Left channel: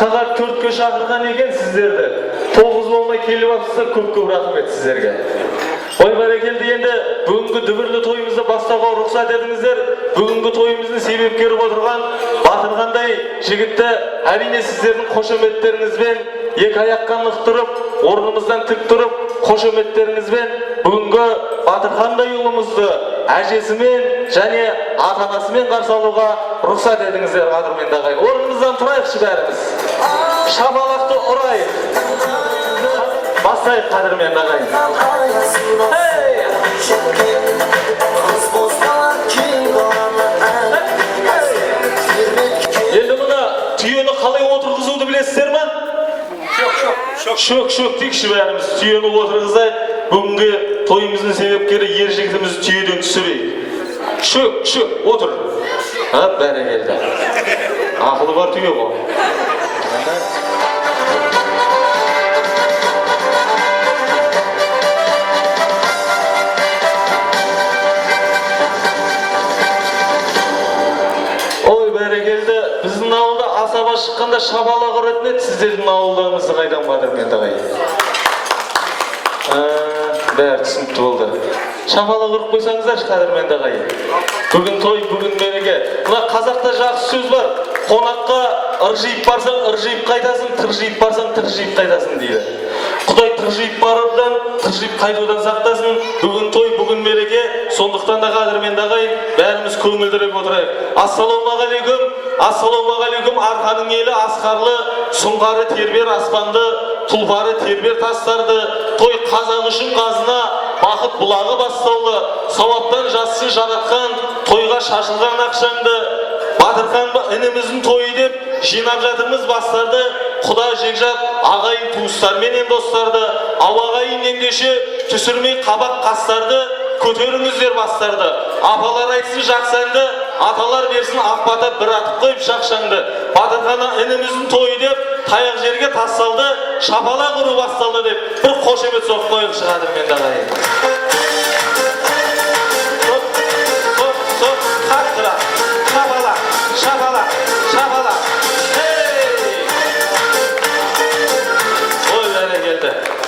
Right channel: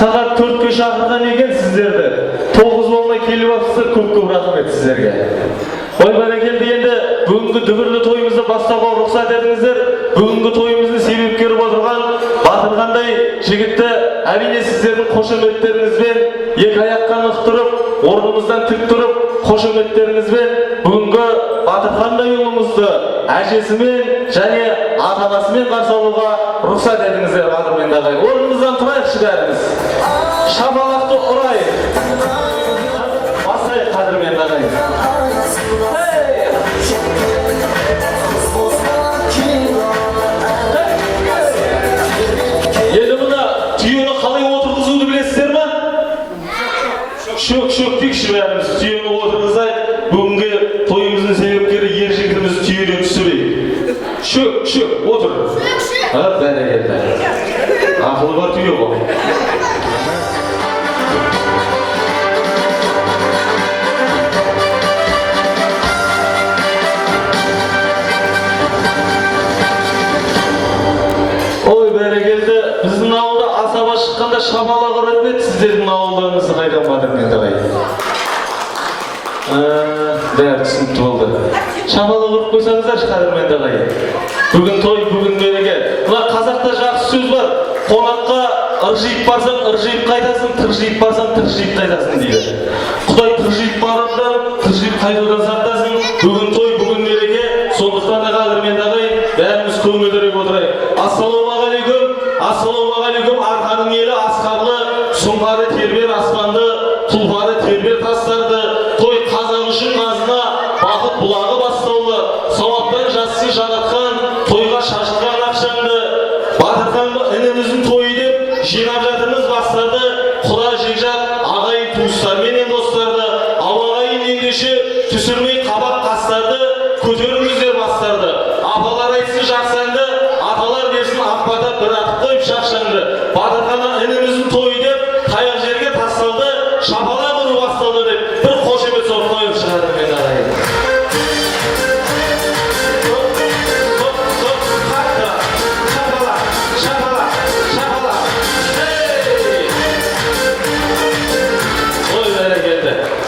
Saat 4'ke şakırgan eken sizlerdi. 9 bolmay kelip atsızlar, көп rahmet sizlerge. Oy barakeldi endi бүгүнкү дүбүрлүү тоюбузду баштоого уруксат этиңиздер. Бүгүнкү тоюбуздун себепкери болуп отурган батыргандай жигитти әрине сиздердин кошометтериңизбен эки аякка нык туруп, орнубуздан тик туруп, кошометтериңизбен бүгүнкү Батырхандай уулумузду әжесимен жане ата-анасымен каршы алууга уруксат этиңиздер, кадырмендүү агай. Орнубуздан турайыкчы баарыбыз. Шапалакты урайык. Басайык, кадырмендүү агай. Şök dikişi verimiz, tüyeni oturguzay, bugünkü toyumuzun sebepkeri yer jigitimiz tüyeden düşüreyik. Şök, otur. Ha, bereketli. Akıllı var tüye bu. Oy bereketli, bizden avulda asaba çıkkanda şapalak öğretmedi, sizlerin avullarınızı kaydan Badırmendүү agay. Bäri түсүнүктүү болду. Şapalak urup koysanızlar Badırmendүү agay. Bugün toy, bugün bereke. Mына казакта жакшы сөз бар. Конакка ыржыйып барсаң, ыржыйып кайтасың, тыржыйып барсаң, тыржыйып кайтасың дейді. Кудай тыржыйып баруудан, тыржыйып кайтуудан сактасын. Бүгүн той, бүгүн береке. Сондуктан да Badırmendүү агай, бәріміз көңілдірек отырайық. Ассалаумағалейкум, ассалаумағалейкум, арқаның елі асқарлы, сұңғары тербер аспанды, тұлпары тербер тастарды, той қазақ үшін қазына, бақыт бұлағы басталды, сауаптан жассын жаратқан, тойға шашылған ақшаңды, Батырханды ініміздің тойы деп, жинап жатырмыз бастарды, құда жекжат, ағайын туыстар менен достарды, ауағайын ендеше, түсірмей қабақ қастарды, көтеріңіздер бастарды, апалар айтсын жақсанды, аталар берсін ақпата бір атып қойып шақшанды. Батырханның ініміздің тойы деп, таяқ жерге тасталды, шапалақ ұру басталды деп, бір қошемет соғып қойып шығады мен ағайын.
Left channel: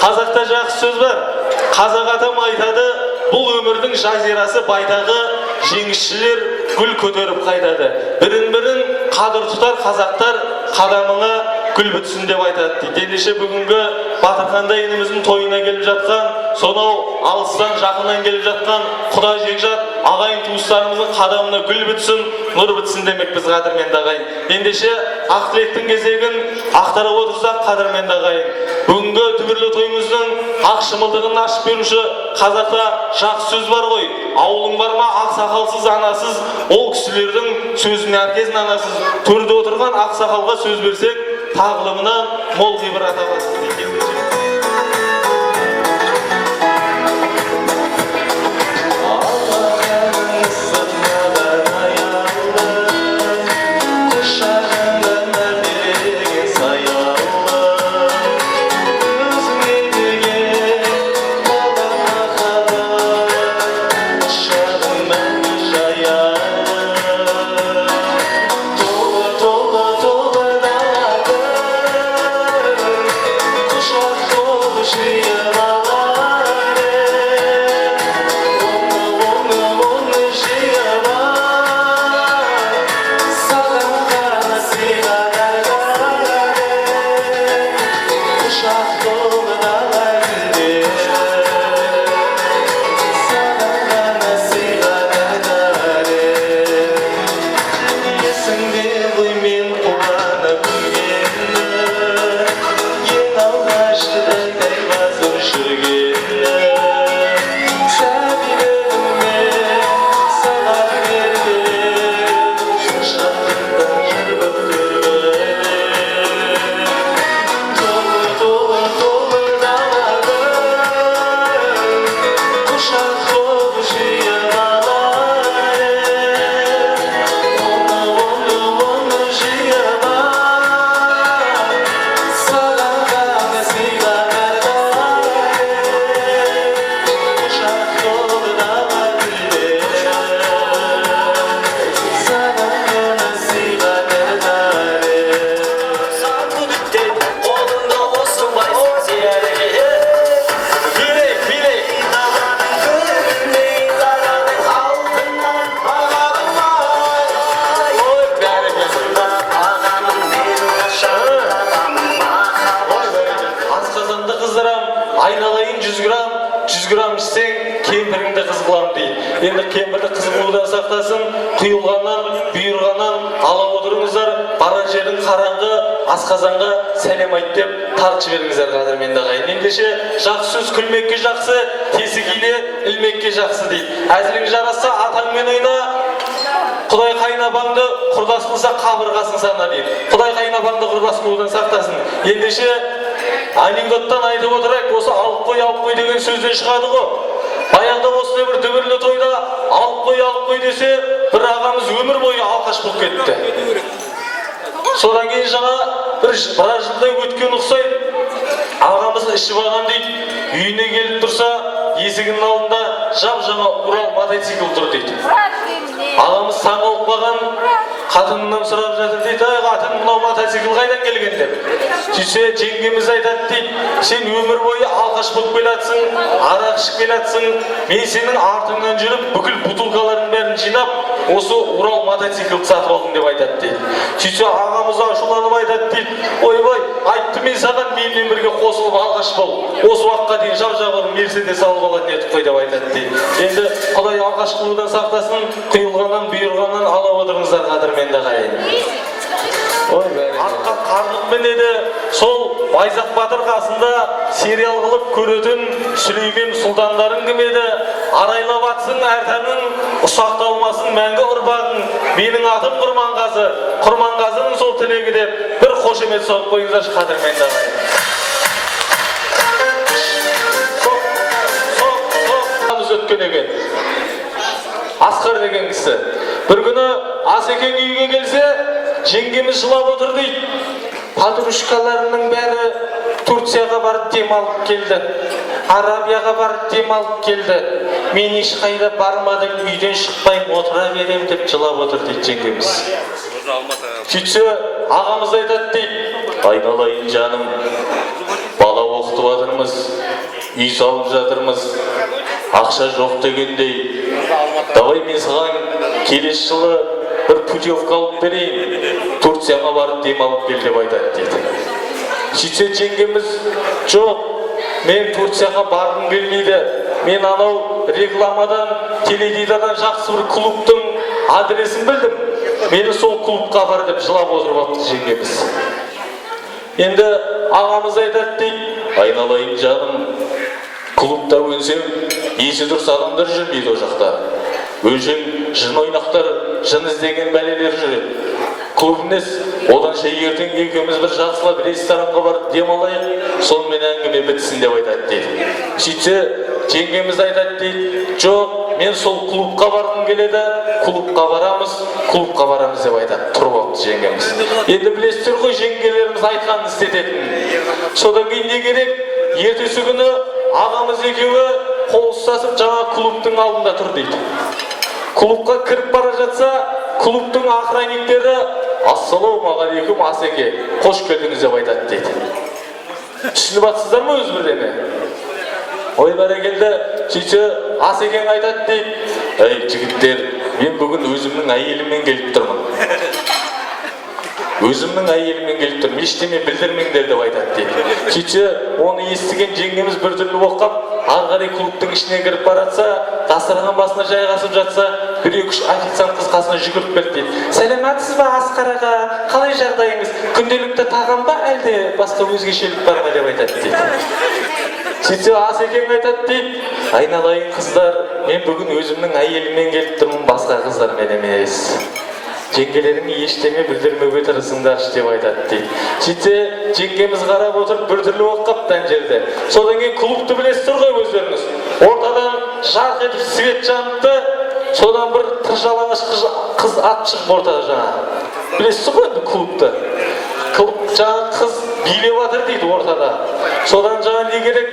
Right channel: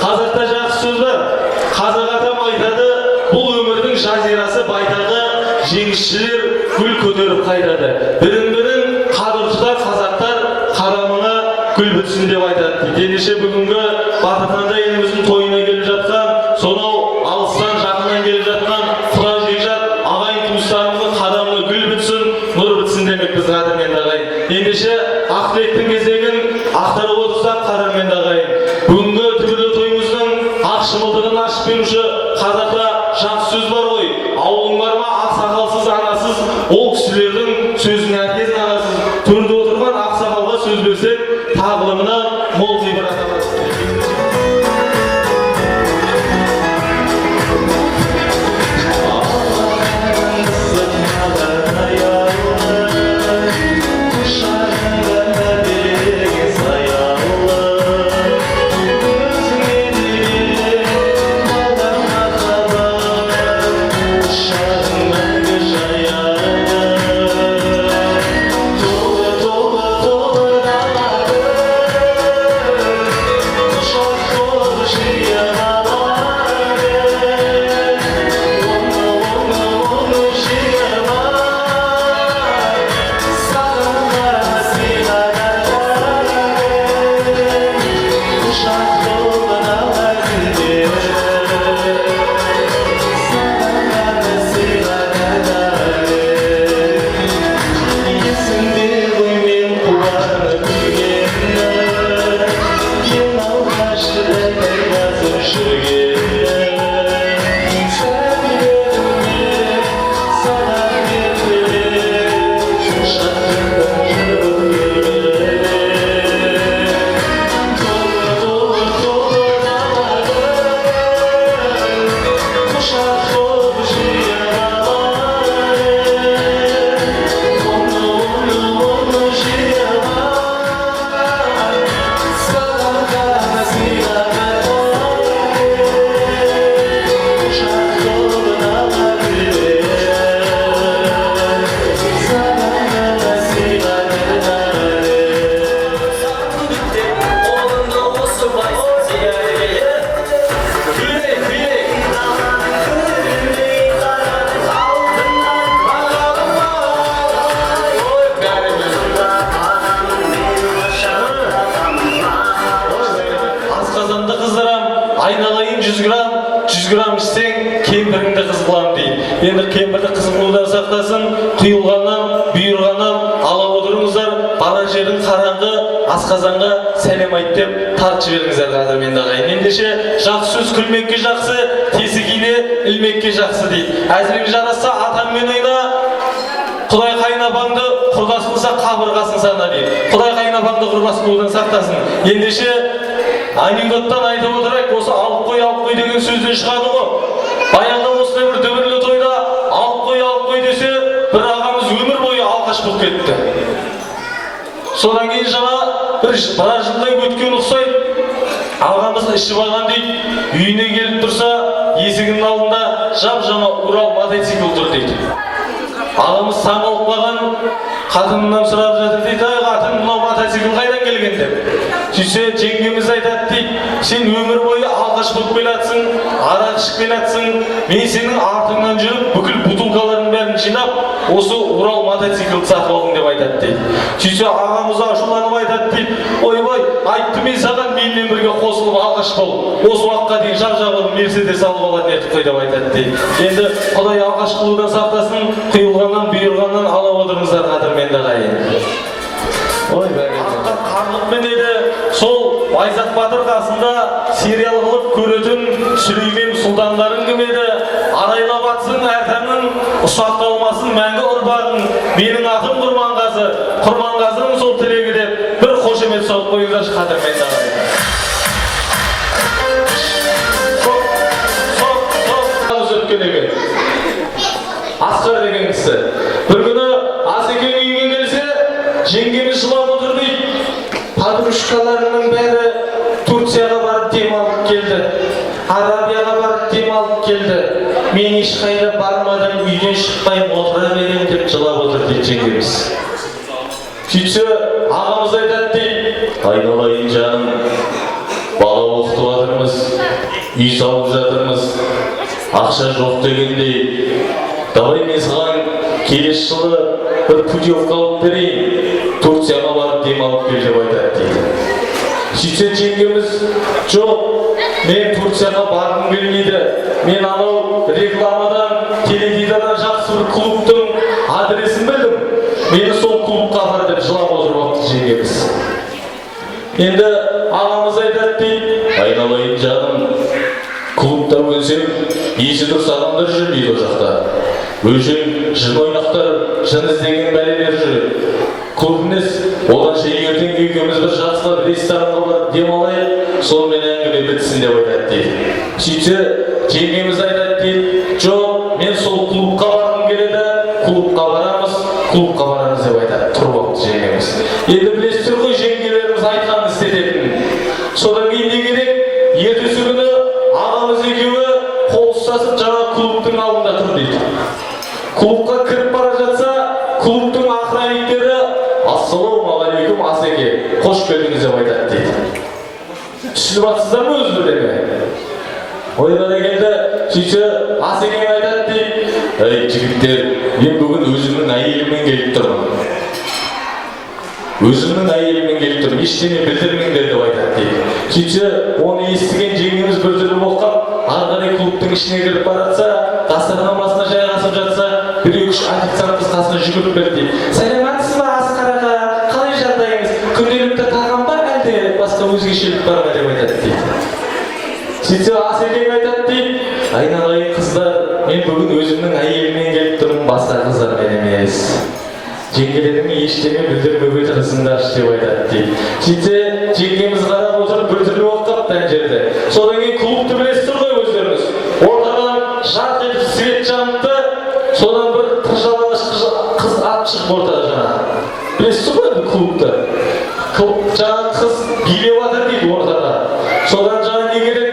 Қазақта жақсы сөз бар. Қазақ атам айтады, бұл өмірдің жазирасы байтағы, жеңісшілер гүл көтеріп қайтады. Бірін-бірін қадір тұтар қазақтар, қадамыңа гүл бітсін деп айтады. Ендеше бүгінгі Батырхандай еліміздің тойына келіп жатқан, сонау алыстан жақыннан келіп жатқан құда жекжат ағайын туыстарымыздың қадамына гүл бітсін, нұр бітсін демек біз Badırmendүү агай. Ендеше ақ тілектің кезегін ақтарып отырсақ Badırmendүү агай. Бүгінгі түбірлі тойымыздың ақ шымылдығын ашып беруші қазақта жақсы сөз бар ғой. Ауылың бар ма ақсақалсыз анасыз, ол кісілердің сөзін әркезін анасыз. Төрде отырған ақсақалға сөз берсек, тағылымына мол ғибрат аласыз. Show қыз қыламын дейді. Енді кемпірді қыз қылудан сақтасын, құйылғаннан, бұйырғаннан ала отырыңыздар, бара жердің қараңғы асқазанға сәлем айт деп тартып жіберіңіздер қадірменді ағайын. Ендеше жақсы сөз күлмекке жақсы, тесік иле ілмекке жақсы дейді. Әзілің жарасса атаңмен ойна, Құдай қайнапаңды құрдас қылса қабырғасын сана дейді. Құдай қайнапаңды құрдас қылудан сақтасын. Ендеше анекдоттан айтып отырайық, осы алып қой деген сөзден шығады ғой. Баяғыда осындай бір дүбірлі тойда алып қой десе, бір ағамыз өмір бойы алқаш болып кетті. Содан кейін жаңа біраз жылдай өткен ұқсайды. Ағамыз ішіп алған дейді, үйіне келіп тұрса, есігінің алдында жап-жаңа Урал мотоцикл тұр дейді. Ағамыз таң қалып қалған, қатынынан сұрап жатыр дейді, ай қатын, мынау мотоцикл қайдан келген деп. Сөйтсе жеңгеміз айтады дейді, сен өмір бойы алғаш болып келатсың, арақ ішіп келатсың, мен сенің артыңнан жүріп бүкіл бутылкалардың бәрін жинап, осы Урал мотоциклді сатып алдым деп айтады дейді. Сөйтсе ағамыз ашуланып айтады дейді, ойбай, айтты мен саған менімен бірге қосылып алғаш бол, осы уақытқа дейін жап-жабыр Мерседес алып алатын ертіп қой деп айтады дейді. Енді Құдай алғаш қылудан сақтасын, құйылғаннан, бұйырғаннан ала отырыңыздар қадірменді ағайын. Артқа қарлық мінеді, сол Байзақ Батыр қасында сериал қылып көретін Сүлеймен сұлтандарын кім еді? Арайлап атсын әртамның, ұсақталмасын мәңгі ұрпағың, менің атым Құрманғазы, Құрманғазының сол тілегі деп бір қошемет соғып қойыңыздаршы қадірменді ағайын. Өткен екен. Асқар деген кісі. Бір күні Асекең үйге келсе, жеңгеміз жылап отыр дейді. Подружкаларының бәрі Турцияға барып демалып келді. Арабияға барып демалып келді. Мен ешқайда бармадым, үйден шықпай отыра берем деп жылап отыр дейді жеңгеміз. Сөйтсе ағамыз айтады дейді, айналайын жаным, бала оқытып жатырмыз, үй салып жатырмыз, ақша жоқ дегендей, давай мен саған келесі жылы бір путевка алып берейін, Турцияға барып демалып кел деп айтады дейді. Сөйтсе жеңгеміз, жоқ, мен Турцияға барғым келмейді, мен анау рекламадан, теледидардан жақсы бір клубтың адресін білдім, мені сол клубқа апар деп жылап отырып алыпты жеңгеміз. Енді ағамыз айтады дейді, айналайын жаным, клубта өлсем, есі дұрыс адамдар жүрмейді о жақта. Өлшең жын ойнақтар, жын іздеген бәлелер жүреді. Клуб емес, оданша ертең екеуміз бір жақсылап ресторанға барып демалайық, сонымен әңгіме бітсін деп айтады дейді. Сөйтсе, жеңгеміз айтады дейді, жоқ, мен сол клубқа барғым келеді, клубқа барамыз деп айтады. Тұрып алыпты жеңгеміз. Енді білесіздер ғой, жеңгелеріміз айтқанын істететінін. Содан кейін не керек? Ертесі күні ағамыз екеуі қол ұстасып жаңа клубтың алдында тұр дейді. Клубқа кіріп бара жатса, клубтың охранниктері ассалаумағалейкум Асеке, қош келдіңіз деп айтады дейді. Түсініп жатсыздар ма өз бірдеме? Ой бәрекелді, сөйтсе Асекең айтады дейді, ей жігіттер, мен бүгін өзімнің әйеліммен келіп тұрмын. Өзімнің әйеліммен келіп тұрмын, ештеңе білдірмеңдер деп айтады дейді. Сөйтсе, оны естіген жеңгеміз біртүрлі оқып, ары қарай клубтың ішіне кіріп баратса, дастархан басына жайғасып жатса, бір-екі официант қыз қасына жүгіріп келді дейді. Сәлеметсіз бе Асқар аға, қалай жағдайыңыз? Күнделікті тағам ба әлде басқа өзгешелік бар ма деп айтады дейді. Сөйтсе Асекең айтады дейді, айналайын қыздар, мен бүгін өзімнің әйеліммен келіп тұрмын, басқа қыздармен емес. Жеңгелеріңе ештеңе білдірмеуге тырысыңдаршы деп айтады дейді. Сөйтсе жеңгеміз қарап отырып біртүрлі болып қапты ана жерде. Содан кейін клубты білесіздер ғой өздеріңіз. Ортадан жарқ етіп свет жаныпты, содан бір тыржалаңаш қыз ат шығып ортада жаңа. Білесіздер ғой енді клубты. Жаңа қыз билеп жатыр дейді ортада. Содан жаңа не керек?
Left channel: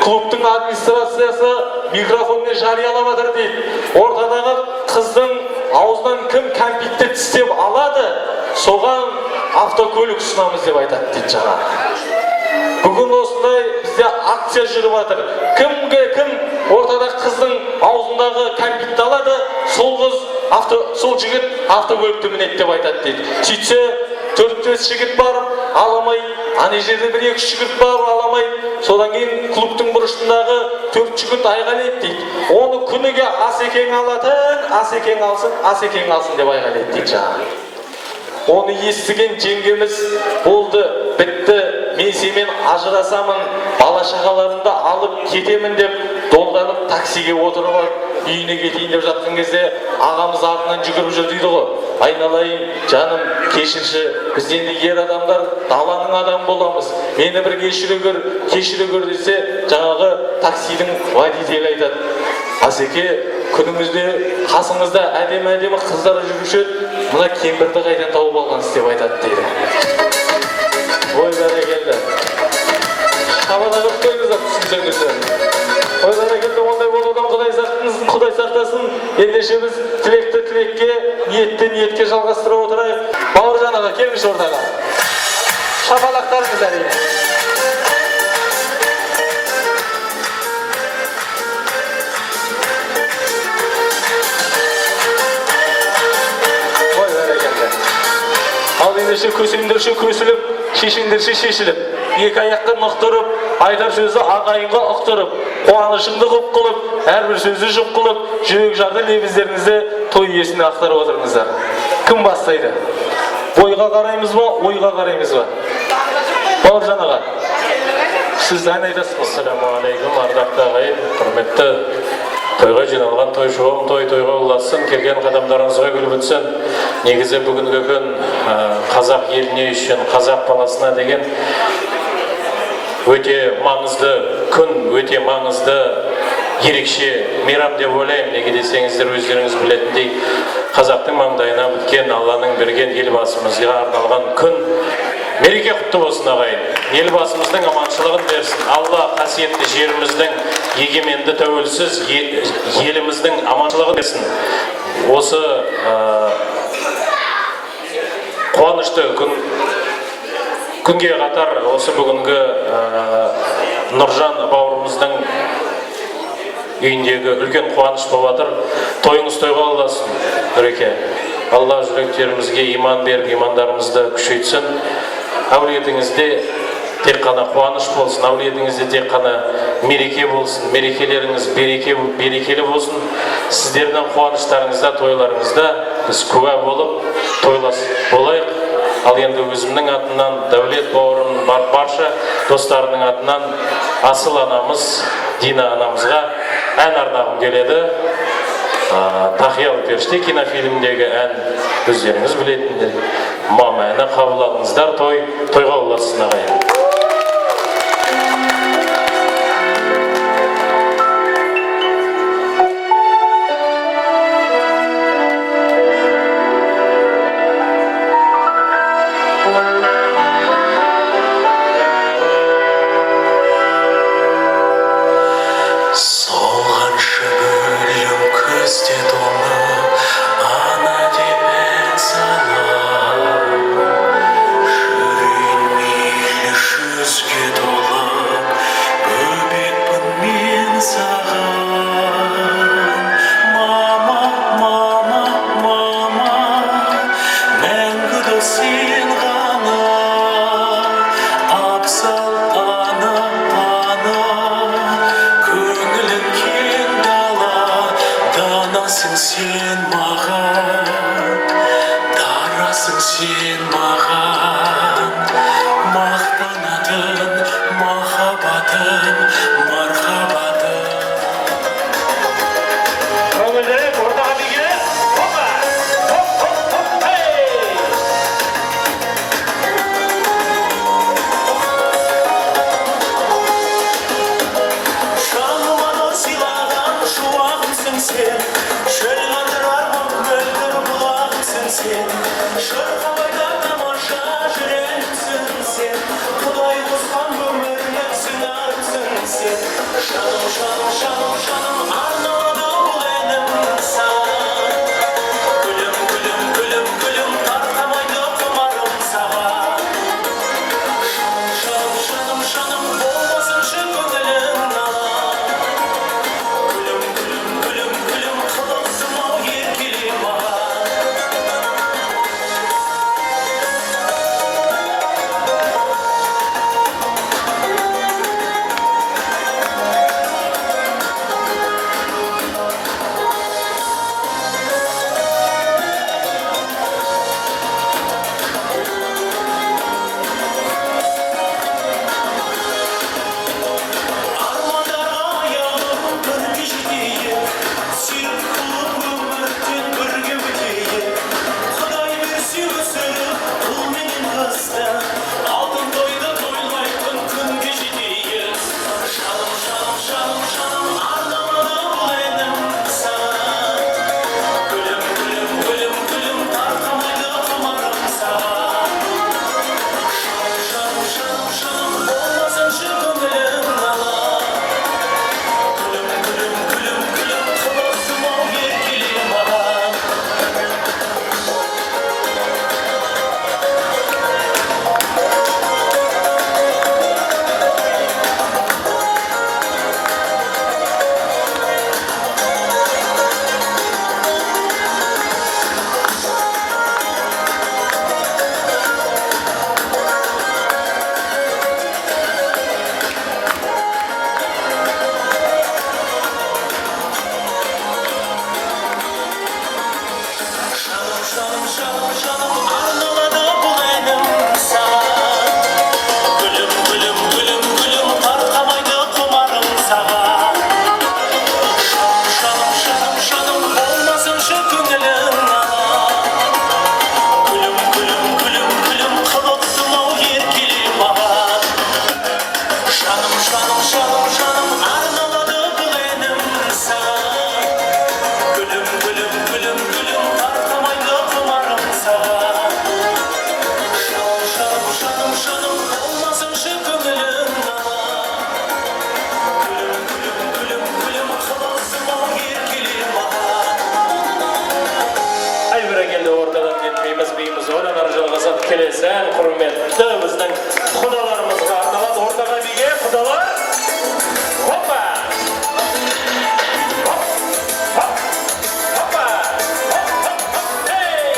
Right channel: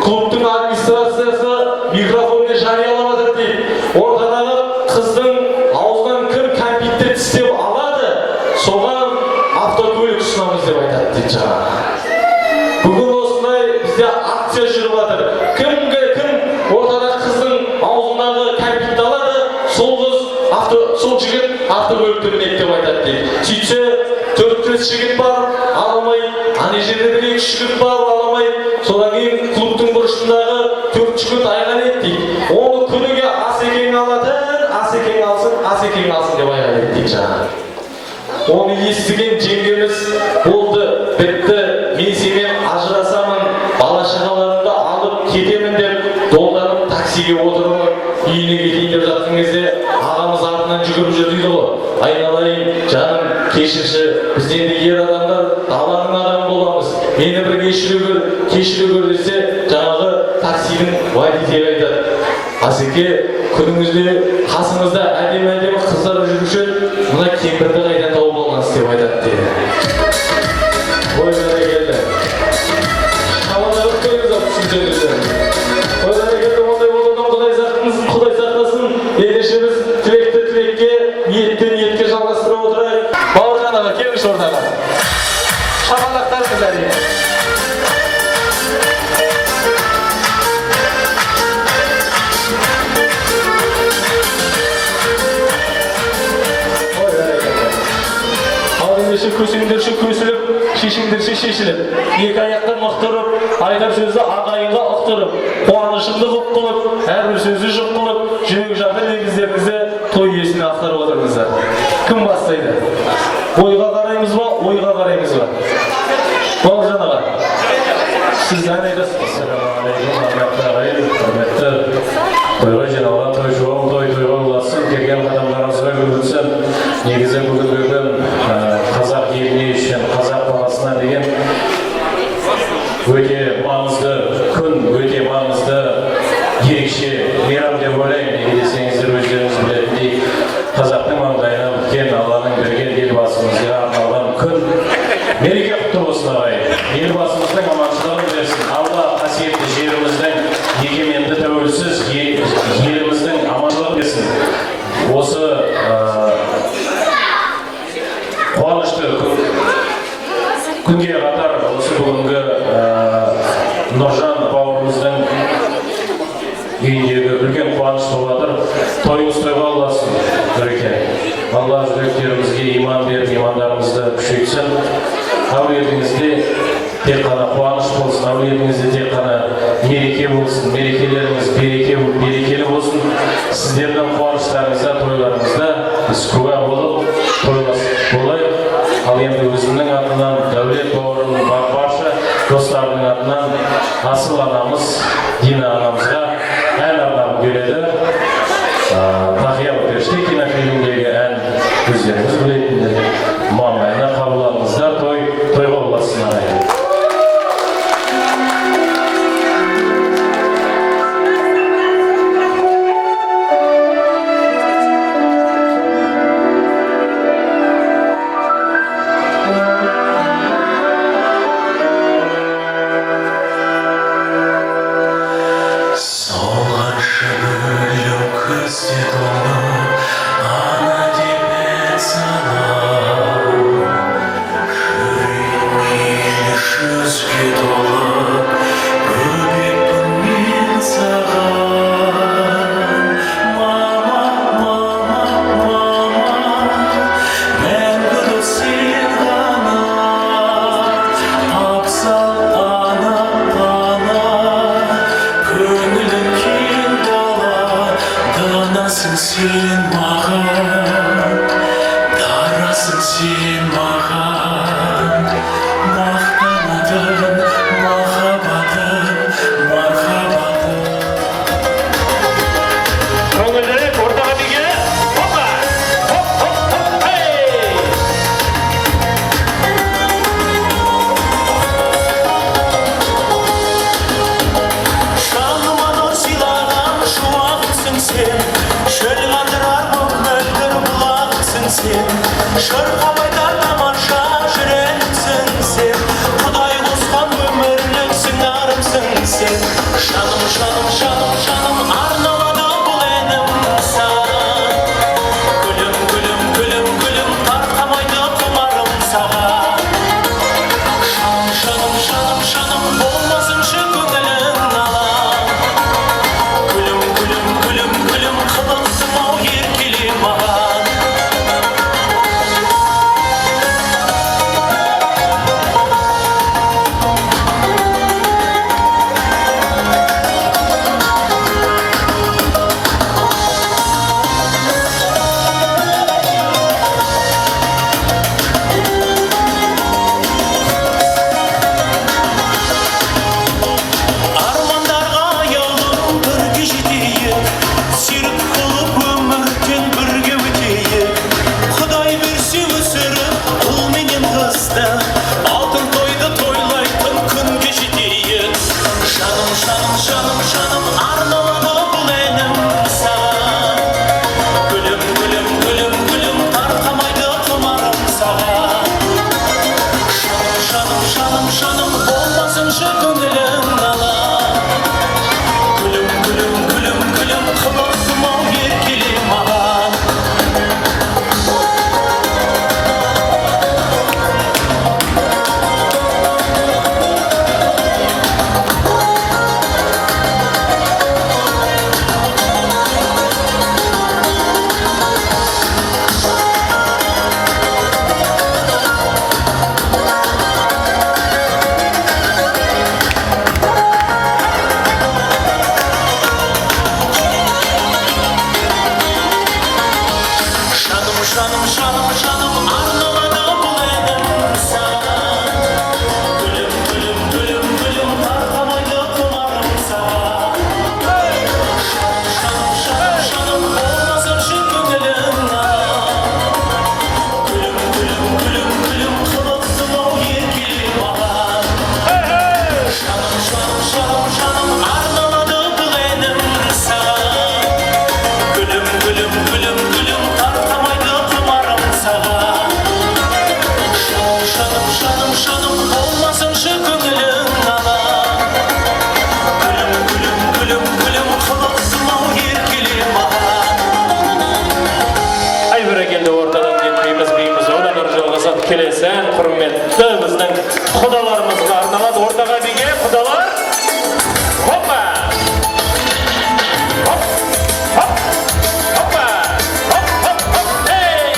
Клубтың администрациясы микрофонмен жариялап жатыр дейді. Ортадағы қыздың аузынан кім кәмпитті тістеп алады, соған автокөлік ұсынамыз деп айтады дейді жаңа. Бүгін осындай бізде акция жүріп жатыр. Кім ортада қыздың аузындағы кәмпитті алады, сол жігіт автокөлікті мінеді деп айтады дейді. Сөйтсе 4-5 жігіт бар, аламай Аны жерде бір екі жігіт бар аламай, содан кейін клубтың бұрышындағы 4 жігіт айған еді дейді. Оны күніге Асекең алатын, Асекең алсын деп айған еді дейді жаңағы. Оны естіген жеңгеміз болды, бітті, мен сенімен ажырасамын, бала шағаларымды алып кетемін деп долданып таксиге отырып үйіне кетейін деп жатқан кезде ағамыз артынан жүгіріп жүр дейді ғой. Айналайын жаным, кешірші, біз енді ер адамдар даланың адамы боламыз. Мені бір кешіре көр десе, жаңағы таксидің водителі айтады: Асеке, күніңізде қасыңызда әдемі қыздар жүруші, мына кемпірді қайдан тауып алғансыз деп айтады дейді. Ой, бәрекелді. Шабада көп көріңіздер, түсінсеңіздер. Ой, бәрекелді, ондай болудан Құдай сақтасын. Ендеше біз тілекке, ниетке жалғастыра отырайық. Бауыржан аға, келіңіз ортаға. Шапалақтарыңыз әрине. Көсіңдерші көсіліп, шешіңдерші шешіліп, екі аяқтан ұқтырып, айтар сөзі ағайынға ұқтырып, қуанышыңды құп қылып, әрбір сөзі жұп қылып, жүрек жарды лебіздеріңізді той иесіне ақтарып отырыңыздар. Кім бастайды? Бойға қараймыз ба, ойға қараймыз ба? Бауыржан аға, сіз ән айтасыз. Ассалаумағалейкум, ардақты ағайын, құрметті тойға жиналған тойшылығым тойға ұласын, келген қадамдарыңызға күліп өтсін. Негізі бүгінгі күн қазақ еліне үшін, қазақ баласына деген өте маңызды күн, өте маңызды ерекше мейрам деп ойлаймын. Неге десеңіздер, өздеріңіз білетіндей, қазақтың маңдайына өткен, Алланың берген елбасымызға арналған күн. Мереке құтты болсын ағайын. Елбасымыздың аманшылығын берсін. Алла қасиетті жеріміздің егеменді тәуелсіз еліміздің аманшылығын берсін. Осы қуанышты күнге қатар осы бүгінгі Нұржан бауырымыздың үйіндегі үлкен қуаныш болып жатыр. Тойыңыз тойға алдасын, Нұреке. Алла жүректерімізге иман беріп, имандарымызды күшейтсін. Әулетіңізде тек қана қуаныш болсын, әулетіңізде тек қана мереке болсын, мерекелеріңіз берекелі болсын. Сіздердің қуаныштарыңызда, тойларыңызда біз куә болып тойласып болайық. Ал енді өзімнің атынан, Дәулет бауырымның барша достарының атынан асыл анамыз Дина анамызға ән арнағым келеді. Тақиялы періште кинофильмдегі ән өздеріңіз білетіндер. Мама әні қабыл алыңыздар, тойға ұласын ағайын. şanım olmasın şu gönlüm nala. Gülüm gülüm gülüm gülüm kılasım o yerkilim bana. Şanım şanım şanım arnavada bulayım sana. Gülüm gülüm gülüm gülüm tartamaydı kumarım sana. Şanım şanım şanım olmasın şu gönlüm nala. Gülüm gülüm gülüm gülüm kılıksın o yerkilim bana. Şanım şanım şanım şanım arnavada bulayım sana. Gülüm gülüm gülüm gülüm tartamaydı kumarım sana. Şanım şanım şanım olmasın şu gönlüm nala. Gülüm gülüm gülüm gülüm kılıksın o yerkilim bana. Ay bire geldi ortadan gitmeyimiz beyimiz olan arjılığızat kelesen hürmetli bizden kudalarımızga arnalad ortaga bege kudalar. Hoppa! Hop! Hop! Hoppa! Hop hop hop! Hey!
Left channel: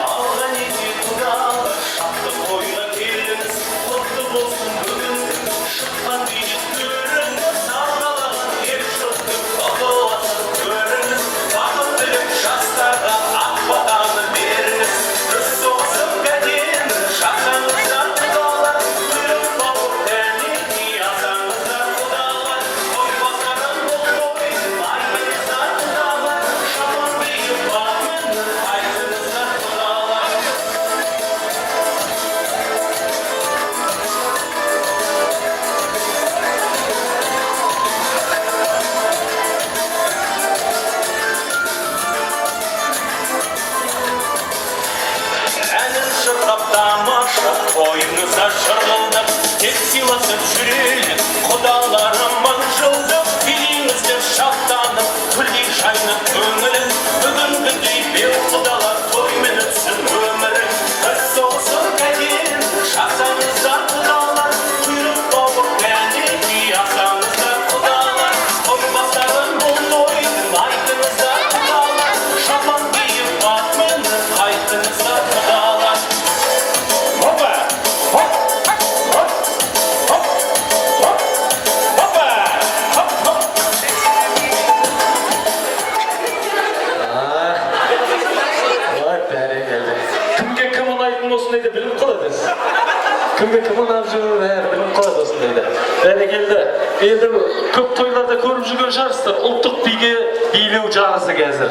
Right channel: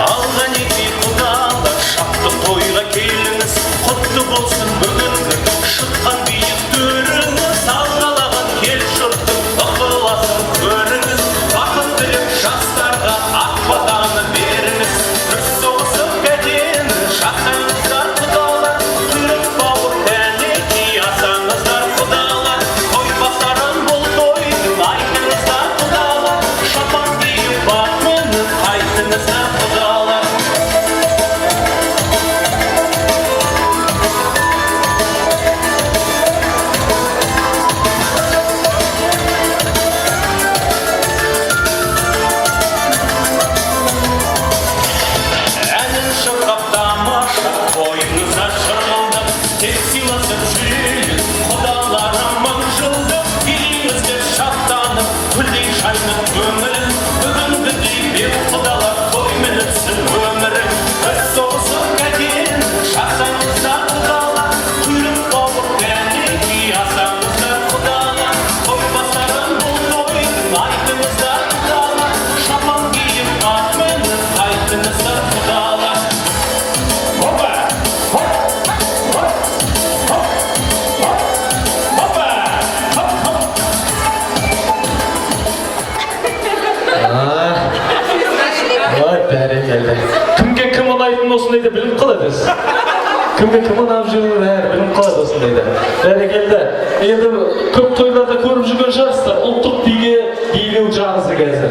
Aldan iki kudalar şaptı toyga keliniz. Kutlu bolsun bugünkü şıkkan büyük düğünüz. Sağgalağın kel şurttu bakılasın görünüz. Bakıp bilip şahslarga ak vatanı veriniz. Rüz soğusun gedin şahsanızlar kudalar. Kuyruq bağır təniki yasanızlar kudalar. Toy basarın bul toydun aydınızlar kudalar. Şapan giyip bakmınız aydınızlar kudalar. Elin şıkkap damaşa koyunuza şırıldı. Tek silasın jüriyiz kudalarım manjıldı. Dilimizde şahtanıp külli şaynın ömürün. Bugün güdey bir kudalar toy minitsin ömürün. Kız soğusun gedin şahsanızlar kudalar. Kuyruq bağır təniki yasanızlar kudalar. Toy basarın bul toydun aydınızlar kudalar. Şapan giyip bakmınız aydınızlar kudalar. Hoppa! Hop! Hop! Hop! Hop! Hoppa! Hop hop! Vay bәрекелді. Кімге кім ұнайтын осындайды біліп қаладыңыз. Кімге кім ұнап жүргенін бәрі біліп қалады осындайды. Бәрекелді. Енді көп тойларда көріп жүрген шығарсыздар. Ұлттық биге билеу жағысы қазір.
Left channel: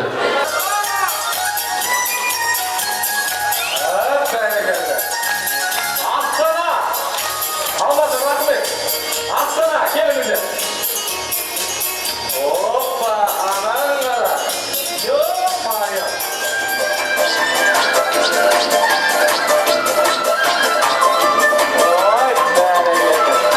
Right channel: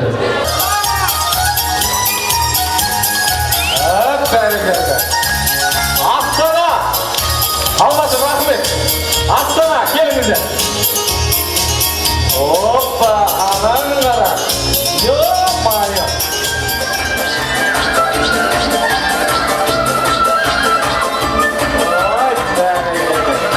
Бәрекелді. Астана! Алматы рахмет. Астана, келіңіздер. Опа, анаң қара. Ё-майо. Ой, бәрекелді.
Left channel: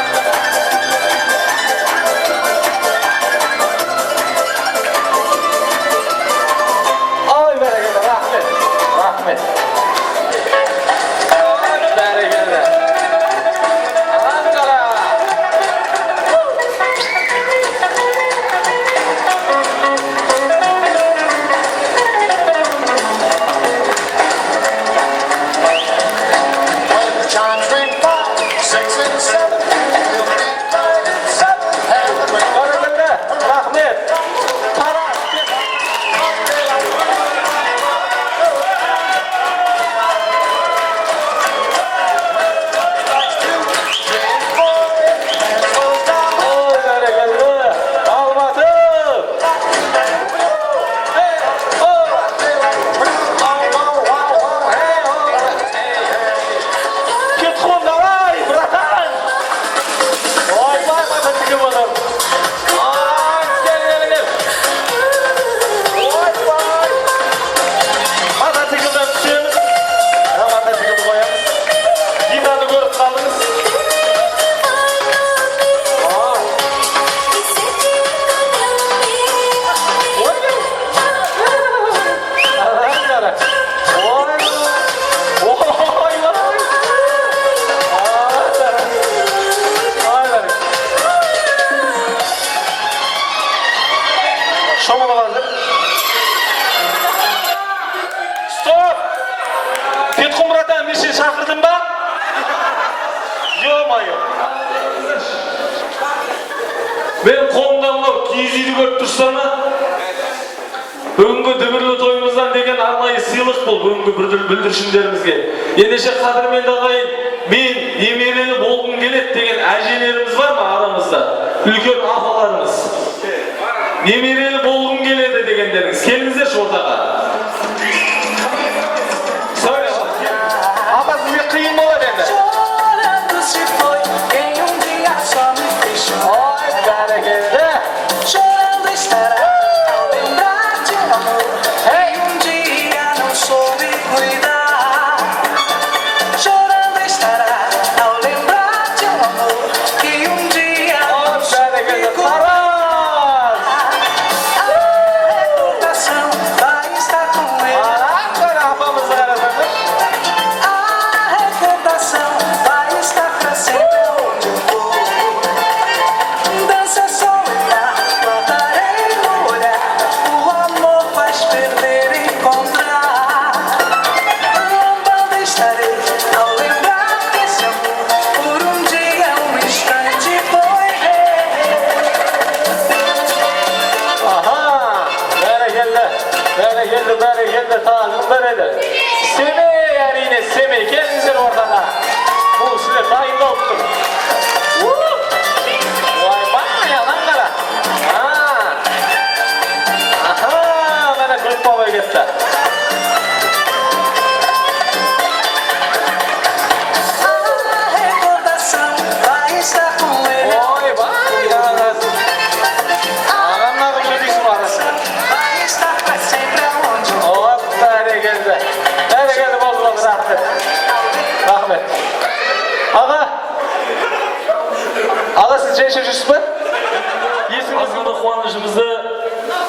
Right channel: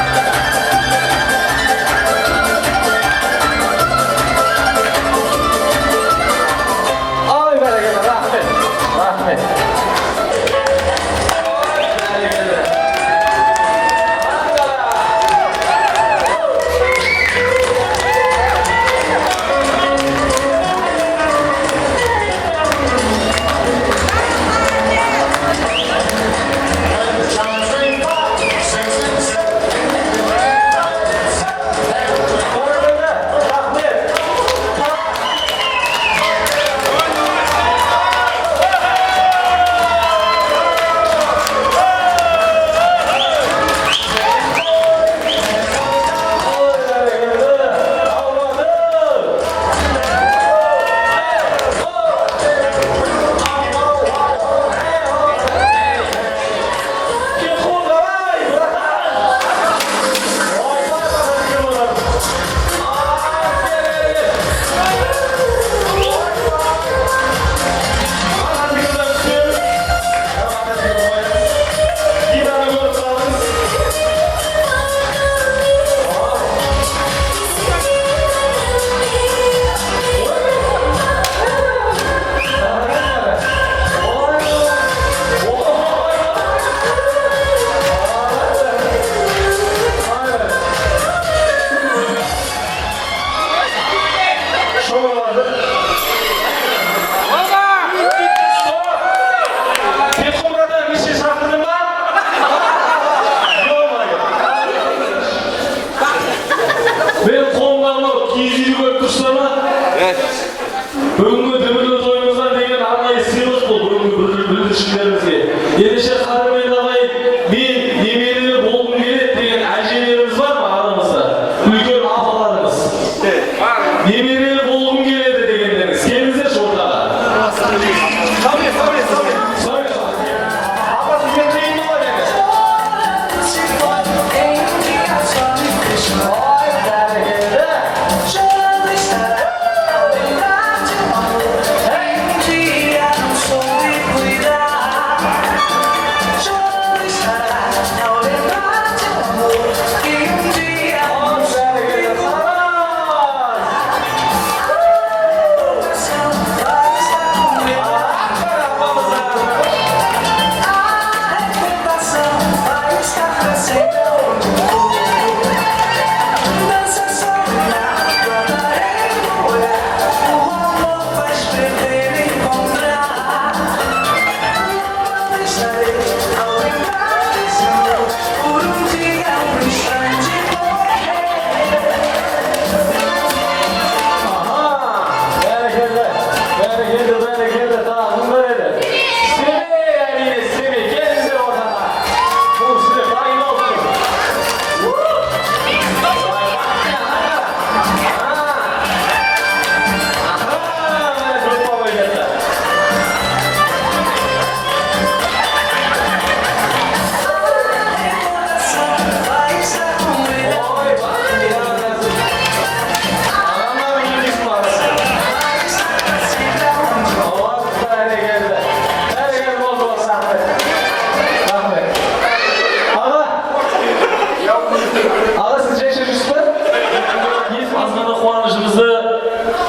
қуанышымызды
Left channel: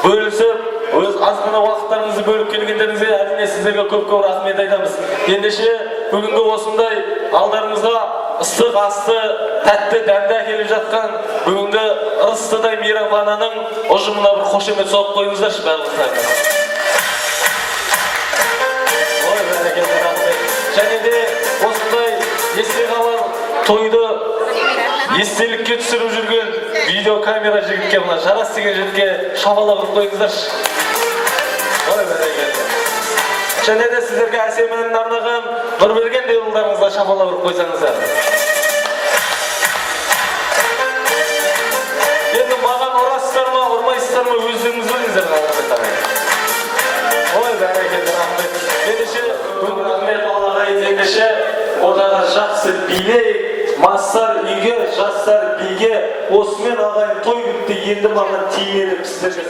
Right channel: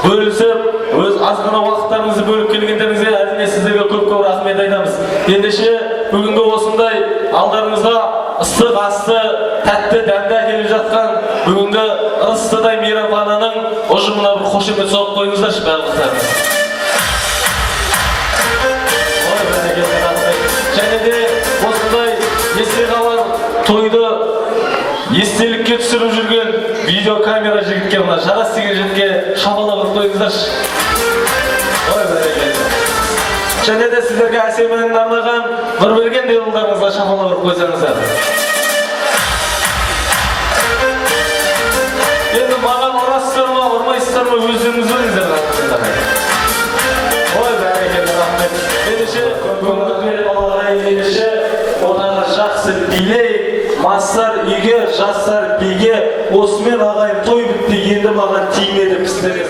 бөлісіп, өз азғана уақыттарыңызды бөліп келгендеріңізге әрине сіздерге көп-көп рахмет айтамыз. Ендеше бүгінгі осындай алдарыңызда ыстық асты, тәтті дәмді әкеліп жатқан бүгінгі ыстыдай мейрамхананың ұжымына бір қошемет соғып қойыңыздаршы барлықтар. Ой, бәрекелді рахмет. Және де осындай есте қалар тойды естелікке түсіріп жүрген видеокамера жігітке, мына Жарас деген жігітке шапалақ ұрып қойыңыздаршы. Ой, бәрекелді. Және де сіздерге әсем әнін арнаған Нұрберген деуылдарыңызға шапалақ ұрып қойсаңыздар. Енді маған ұрасыздар ма, ұрмайсыздар ма, өздеріңіз біліңіздер рахмет. Ой, бәрекелді рахмет. Ендеше бүгінгі балалар ендеше одағы жақсы билейік, мастар үйге, жастар биге, осымен ағайын той бітті, енді маған тимеді сіздерге.